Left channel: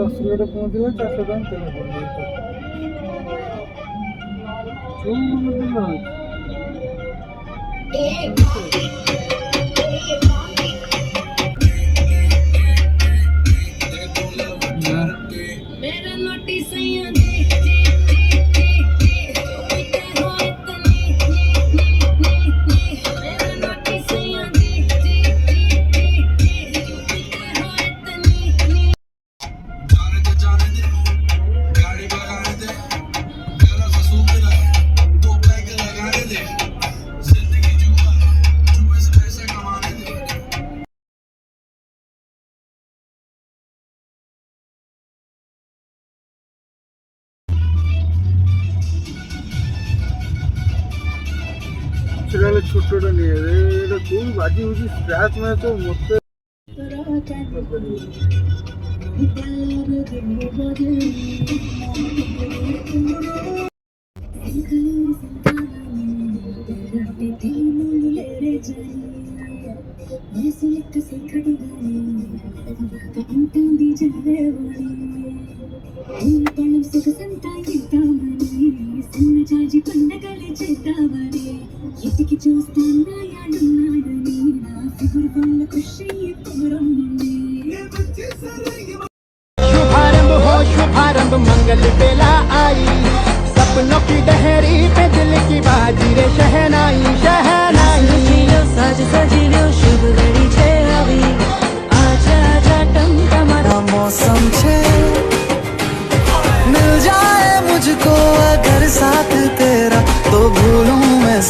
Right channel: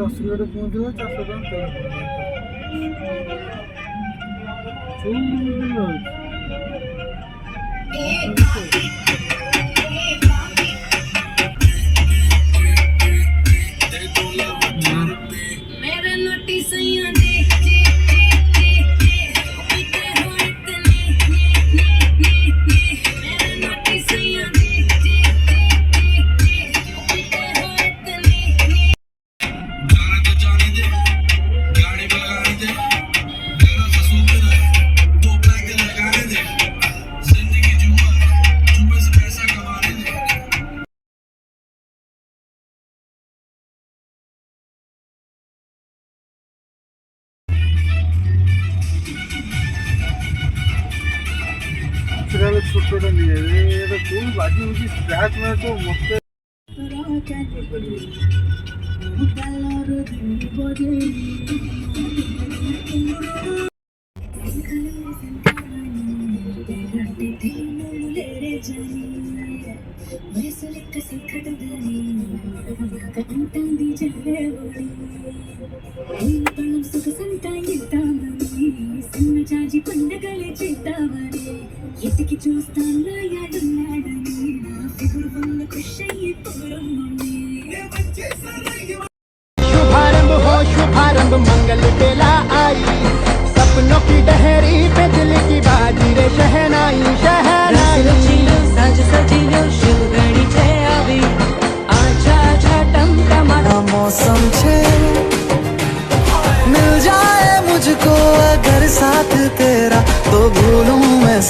ରସୁଲଗଡ଼ ପହଞ୍ଚିଲା 400 ଟଙ୍କା ତେଲ ସେଟା ଛୋଟଟା ନିଏ ଏଇଟା କୋଉ ବାଜି ହଉଛି ସ୍କ୍ରାଚ୍ ମାନେ ତ ମତେ शुभारंभ मंगल बेला आई सपनों की डहरी पे दिल की बाजी रे शहनाई शहनाई सज सजियो शुगड़ी छे अभी आजा जाटम हमारा मौसम छे मिल जाए मुझको अगर साथ तेरा तो भूलूं मैं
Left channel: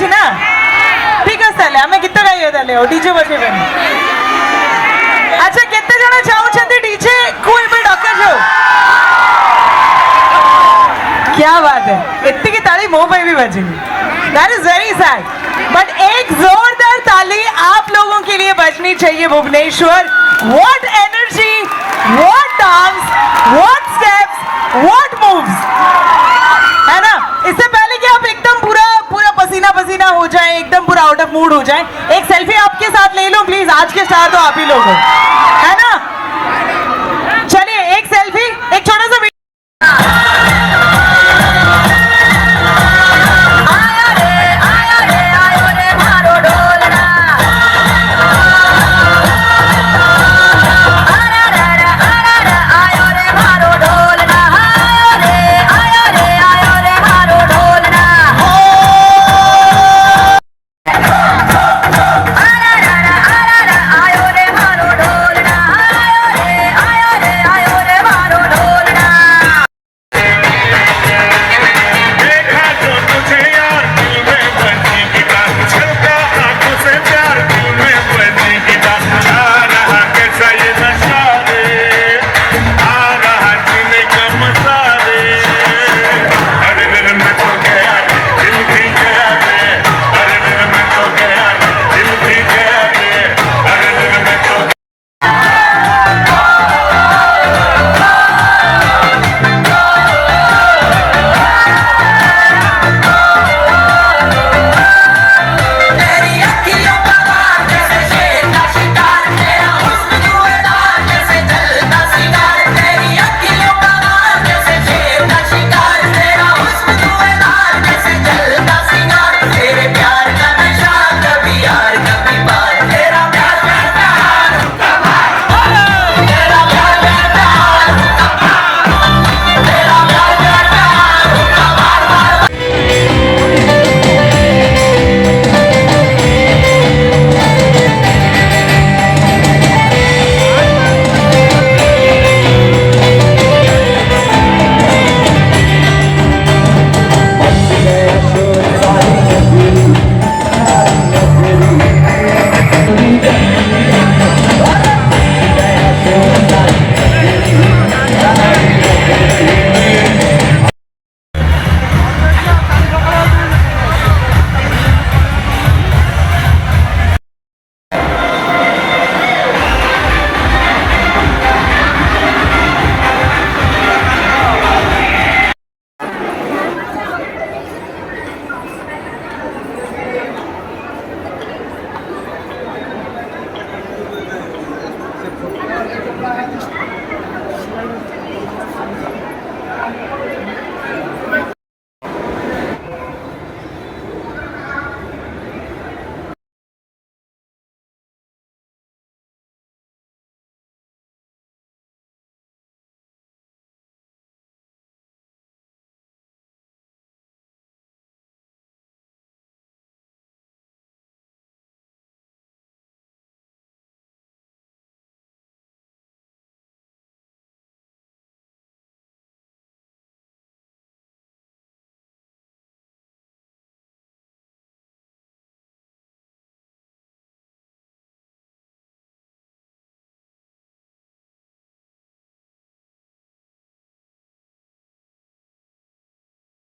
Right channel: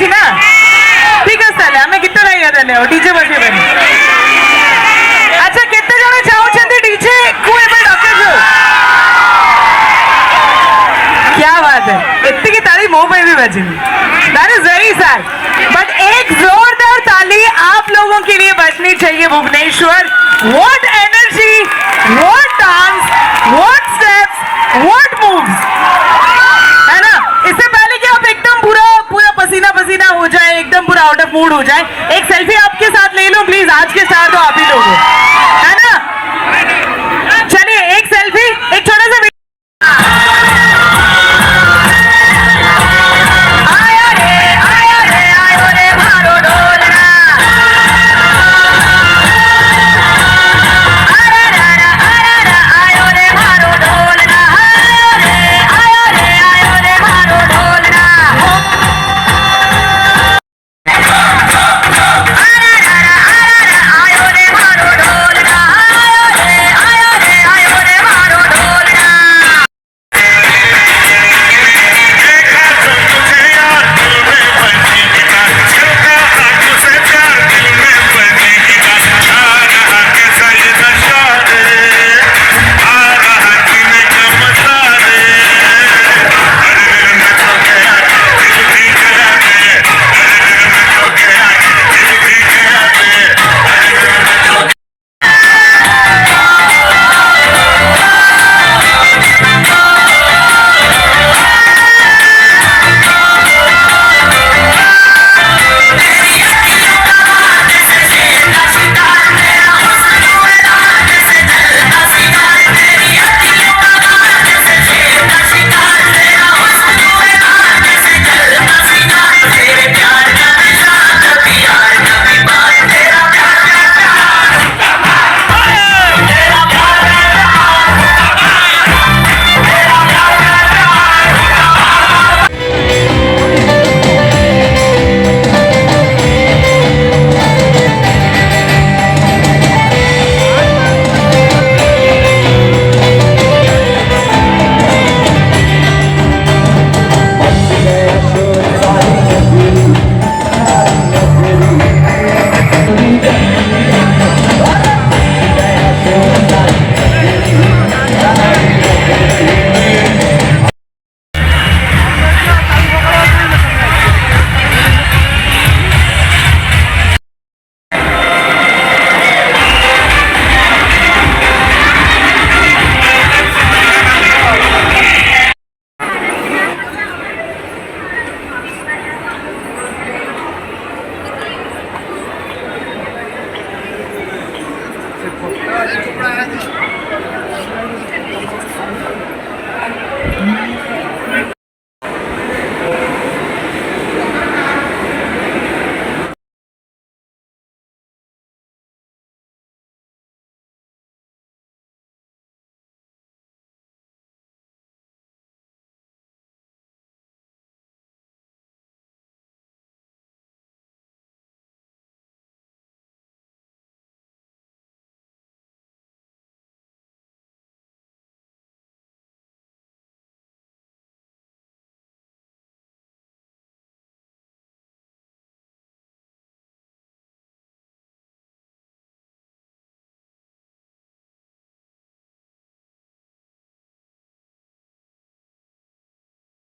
ଅଛି ନା ଠିକ ଅଛି ତାହେଲେ ଆମେ ଗୀତ ଗାଇବା ତାହେଲେ ଆଉ ଡିଜେ ବଜେଇବାନି ଆଚ୍ଛା କେତେ ଜଣ ଚାହୁଁଛନ୍ତି ଡିଜେ କୁ ଏବେ ଡକାଯାଉ क्या बात है इतनी की ताली मुंह पे भी बजनी that is very sad but एक जोरदार ताली आप लोगों के लिए बजनी चाहिए Bhubaneswar what energy what dance what steps what moves है ना इससे पहले कि आप एकदम पूरा पूरा पसीना पसीना हो जाए एकदम पूरा आउट ऑफ मूड हो जाए एक सेल्फी आपके साथ ले लो प्लीज आज के स्टार तो आप ही लोग हो है ना चलिए एक सेल्फी एक छोटा सा